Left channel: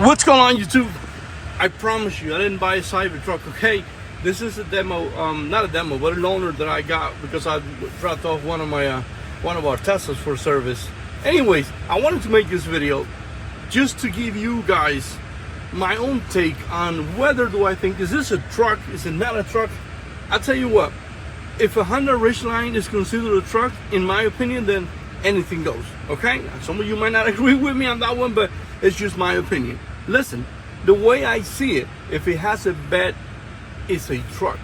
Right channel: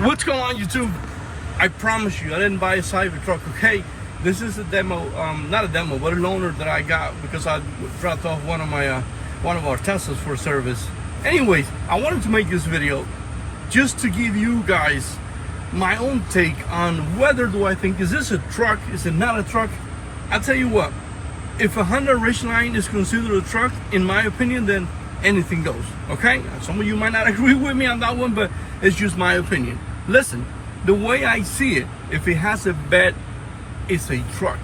What's going on, YouTube? I promise you, I didn't buy a Cybertruck, okay? This is a demo, not a demo, but a loaner that I got because I dropped off one of our Teslas for service. Anyways, I wanted to make this video just to give you guys my own take on whether do I think, is this a truck, is it not a truck? I'll tell you what, if a Honda Ridgeline is considered a truck, in my opinion, then anything goes, okay? Some of you might not agree with me on that one, but it's just my opinion. Listen, the way I see it, if it has a bed, it's a truck,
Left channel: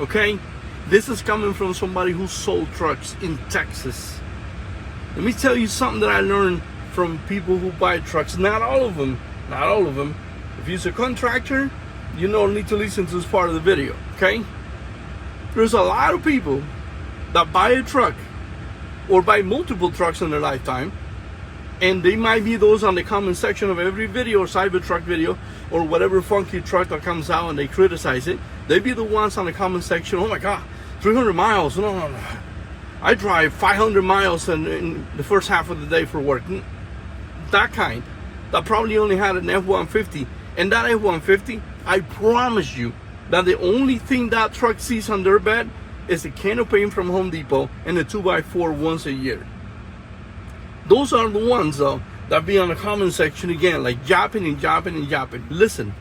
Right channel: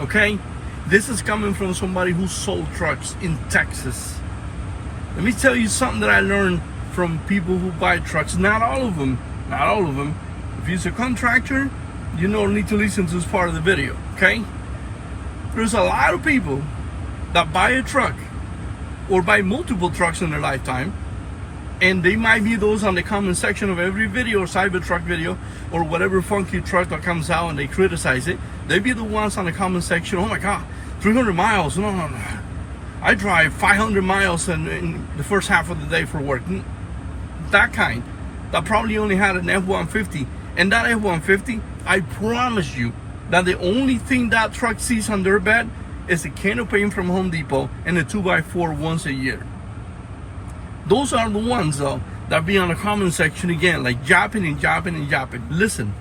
okay? This is coming from somebody who sold trucks in Texas. Let me tell you something that I learned from people who buy trucks. Not all of them. If you're a contractor, you don't need to listen to this part of the video, okay? There's a lot of people that buy a truck or buy multiple trucks in their lifetime, and they might be those on the comment section of every video or Cybertruck video or whatever funky truck that comes out and they criticize it. They be the ones on the comment section, oh my God, 300 miles, no. I drive 500 miles in the first half of the day for work. That kind, that probably only had an F-150. And that F-150, I promise you that the only thing that truck sees on their bed is a can of paint from Home Depot and a 2x4 once a year. Those are the ones though that be on the comment section again, like japping and japping and japping. Listen,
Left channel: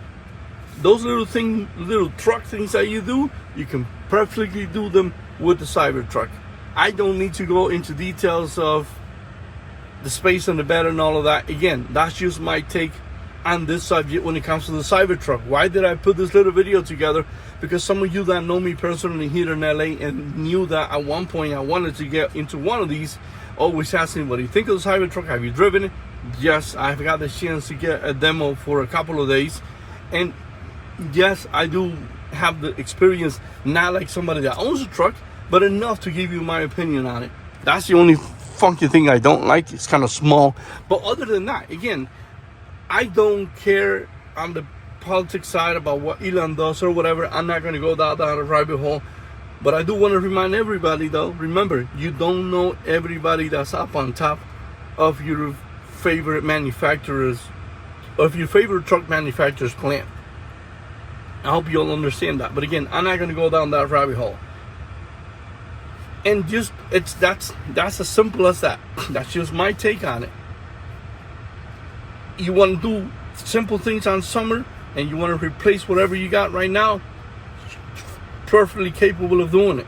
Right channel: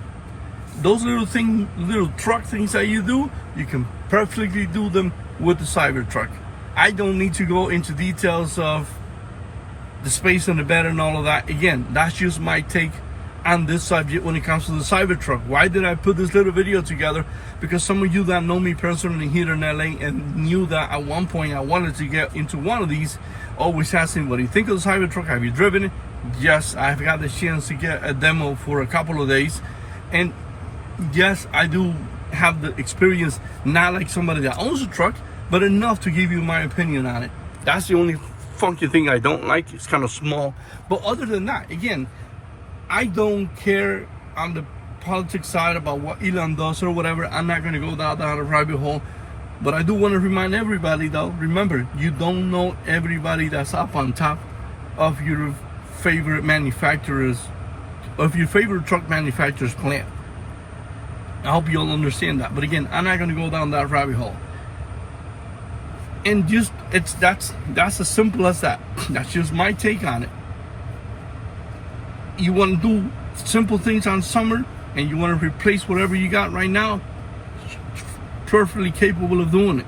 those little truck things that you do, you can perfectly do them with the Cybertruck. I don't need to go into details of the space on the bed and all of that. Again, that's just my take on this subject when it comes to the Cybertruck. Why did I put this little video together? Because some of you that know me personally here in LA and knew that at one point I wanted to get into one of these always asking, what do you think of the Cybertruck? Have you driven it? Yes, I've got the chance to get a demo for a couple of days. And yes, I do have the experience, not like somebody that owns a truck, but enough to give you my opinion on it. That's the only funky thing I don't like. It's kind of small. But other than that, again, I don't care on the politics side about what Elon does or whatever. I'm not going to go down a rabbit hole. But I do want to remind everybody though, remember, you don't know everybody that's up on top of your favorite manufacturers, of your favorite truck manufacturer's plant. I hope you'll understand that. But again, I'm not going to go down that rabbit hole. And just, that's as simple as that. That's just my take on it. You want to do simple things on summer and you want to replace whatever you got right now, perfectly capable of doing it.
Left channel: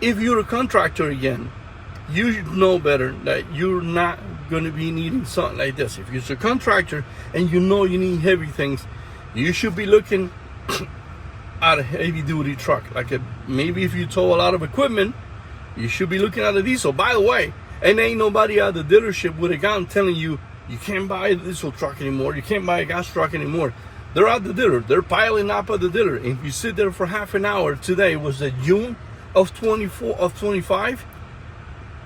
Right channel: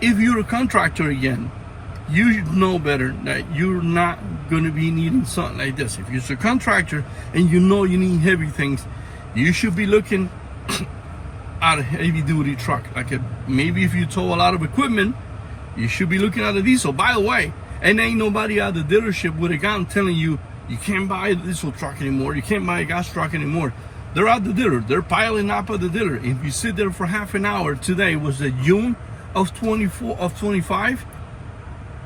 If you're a contractor again, you should know better that you're not going to be needing something like this. If you're a contractor and you know you need heavy things, you should be looking at a heavy duty truck. Maybe if you tow a lot of equipment, you should be looking at a diesel. By the way, and ain't nobody at the dealership with a gun telling you you can't buy a diesel truck anymore, you can't buy a gas truck anymore. They're at the dealer, they're piling up at the dealer. If you sit there for half an hour, today was the June of 25,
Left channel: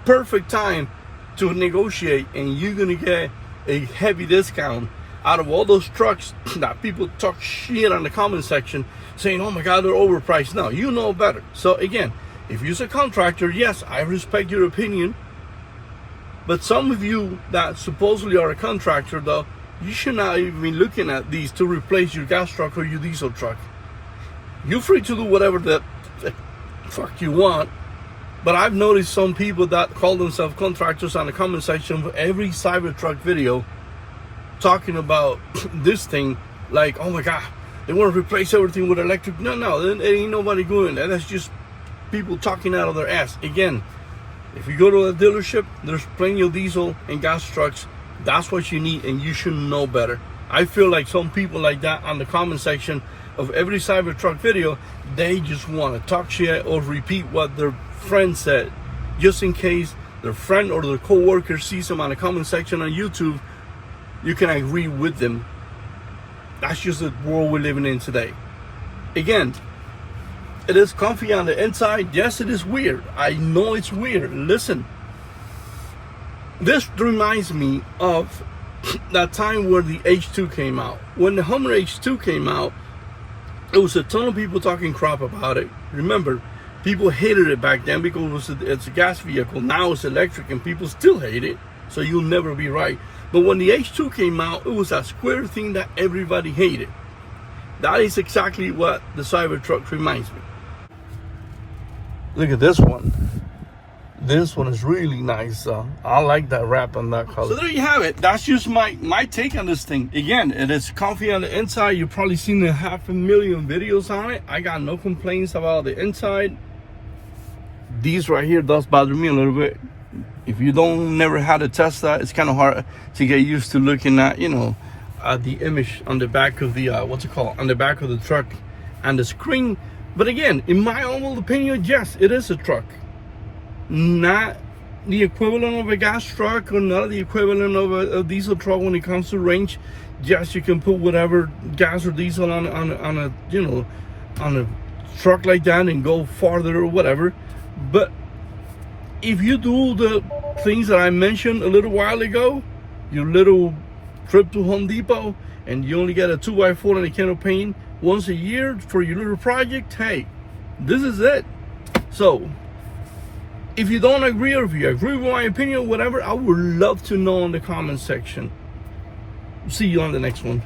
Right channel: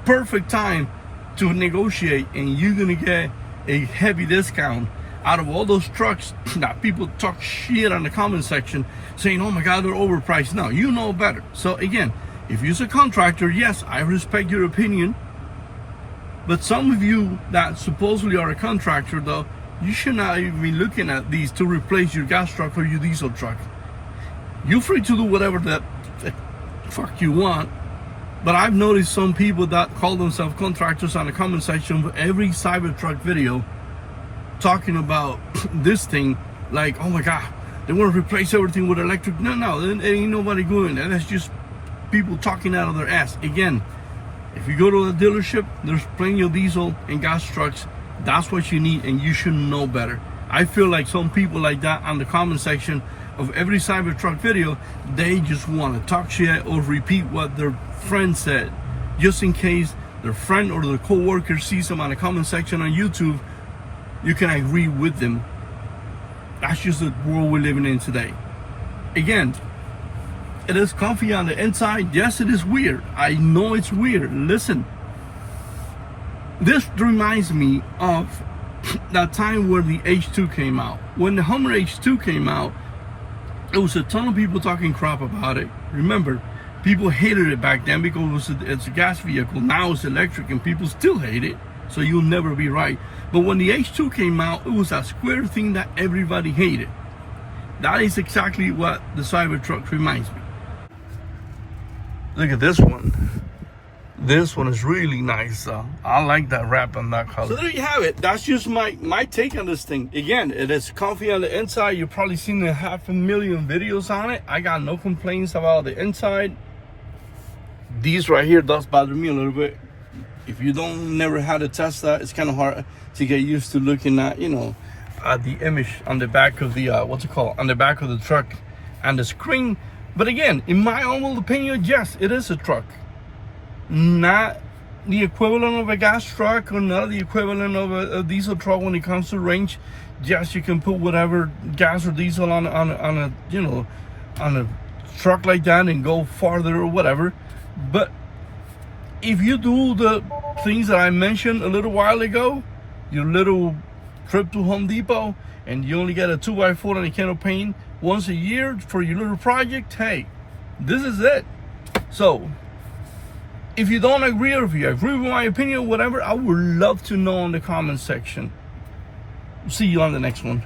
perfect time to negotiate, and you're gonna get a heavy discount out of all those trucks that people talk shit on the comment section saying, oh my God, they're overpriced. No, you know better. So again, if you're a contractor, yes, I respect your opinion. But some of you that supposedly are a contractor though, you should not even be looking at these to replace your gas truck or your diesel truck. You're free to do whatever the fuck you want. But I've noticed some people that call themselves contractors on the comment section of every Cybertruck video talking about this thing like, oh my God, they want to replace everything with electric. No, there ain't nobody doing that. That's just people talking out of their ass. Again, if you go to a dealership, there's plenty of diesel and gas trucks. That's what you need, and you should know better. I feel like some people like that on the comment section of every Cybertruck video, they just want to talk shit or repeat what their friend said, just in case their friend or their co-worker sees them on the comment section on YouTube, you can agree with them. That's just the world we're living in today. Again, it is comfy on the inside. Yes, it is weird. I know it's weird. Listen, this reminds me of that time where the H2 came out. When the Hummer H2 came out, there was a ton of people talking crap about it. Remember, people hated it back then because it's a gas vehicle. Now it's electric and people still hate it. So you'll never be right. But when the H2 came out, it was a square thing that everybody hated. That is exactly what the Cybertruck reminds me. Look at this one. This one is really nice. I like that wrap on that color. So there you have it. That's just my take on this thing. Again, it is comfy on the inside. You've probably seen 500,000 videos on it. I got no complaints about the inside. These right here does bother me a little bit. If you never had to test that, it's kind of hard to get used to looking at, the image on the back of the on the back of the truck and the screen. But again, in my humble opinion, yes, it is a truck. Not the equivalent of a gas truck, or not the equivalent of a diesel truck when it comes to range. Yes, you can put whatever gas or diesel on a truck like that and go farther or whatever. But if you do the things that I mentioned a little while ago, your little trip to Home Depot, and you only get a 2x4 and a can of paint once a year for your little project, hey, this is it. So if you don't agree, or if you agree with my opinion or whatever, I would love to know in the comment section. See you on the next one.